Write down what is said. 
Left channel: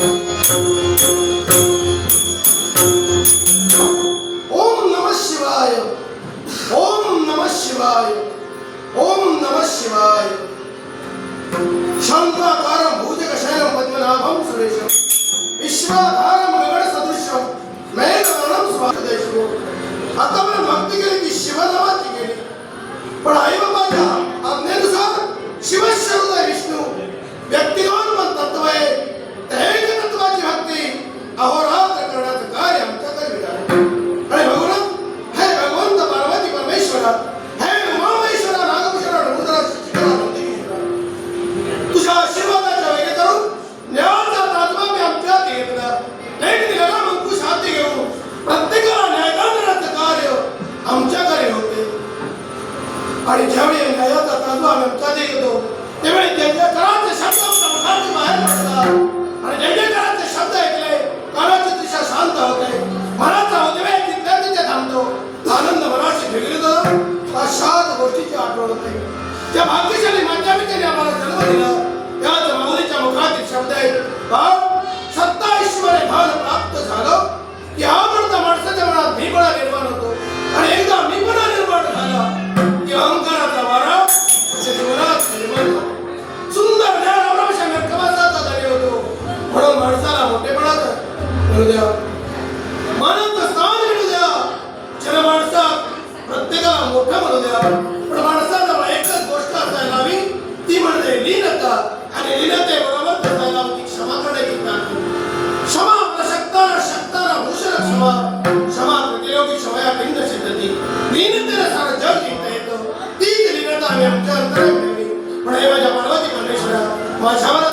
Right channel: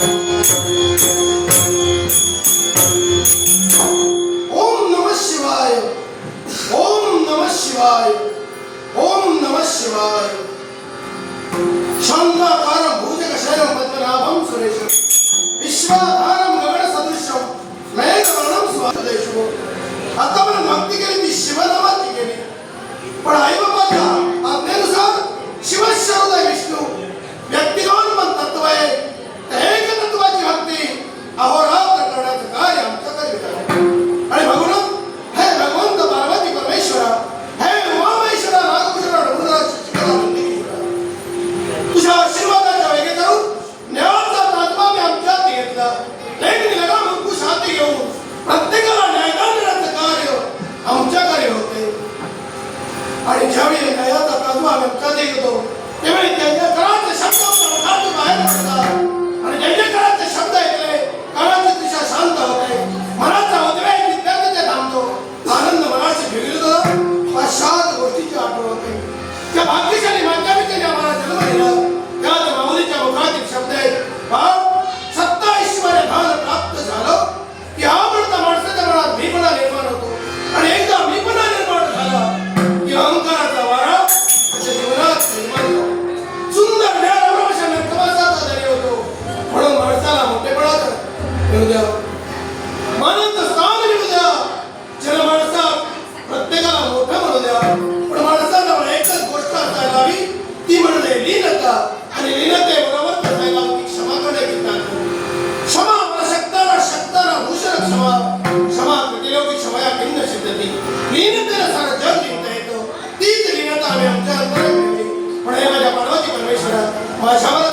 ओम नमः शिवाय, ओम नमः शिवाय, ओम नमः शिवाय। शांताकारं भुजगशयनं पद्मनाभं सुरेशं विश्वाधारं गगनसदृशं मेघवर्णं स्वादेशो। आता आपण भक्ती केली ती शिवनामाची केली, पण आईबाबाच्या आज्ञेनुसार शिवशरद विष्णू व्यक्तिगत पण तत्व आहे, एक तत्वाची भक्ती अहोरात्र करण्याचं कार्य आमच्याकडे मिळालं। आणि भगवान हे भगवंत पार्वती परमेश्वरा, हे उमामेश्वरा नागभूषणा तुझ्या आशीर्वादाच्या वेगे करून न्यायाचा तात्मा मी आमच्या घेतला। एक निघाला अंकुश हाती घेऊन प्रत्येकाला न्यायदानाचं कार्य आमच्याकडे होते। आणि ज्यावेळी न्यायाचा तात्मा आम्ही आमच्याकडे घेतो त्यावेळी त्यांच्या काळाचे शब्द बाहेर पडतात आणि त्यांच्या काळाचे शब्द ऐकले काळाची दिशा शांत होते, मनाचा उद्वेग तिथे थांबतो, आनंद मनाशी बिघडतो, पाश्चात गोष्टीची आठवण होते। त्या भाग्यशाली माणसाने आम्हाला जन्म दिला त्याच माऊलीच्या मुखातील शब्द आहेत, सत्ता ईश्वर भान प्राप्त झालं की आवडता माणसाच्या मनात मीपणा निर्माण होतो, आणि एकदा मीपणा निर्माण झाला की अहंकाराचा वारा त्याच्या जीवनात निर्माण होतो। सुंदर ज्ञान अवरांश मेकवासाचा धनी होतो, म्हणून माणसाला मोठेपणाचं मिळू द्या, मानाचं स्थान मिळू द्या। जन माणसात प्रत्येकाला मोठं म्हणू द्या, पण माणसाजवळ एकच गोष्ट असायला हवी, ती म्हणजे लीनता, आणि लीनतेबरोबर करायला हवी क्षमा करण्याची प्रार्थना। क्षमा शकताना शकताना भूषण क्षमा, क्षमा केल्यावर क्षमया भिन्न सिद्धती, लीनतेला सारं जग जिंकता येतं, तीच लीनता आम्ही आमच्या अंतरात ठेवली। पण हे माझ्या पार्वती परमेश्वरा माझ्यावर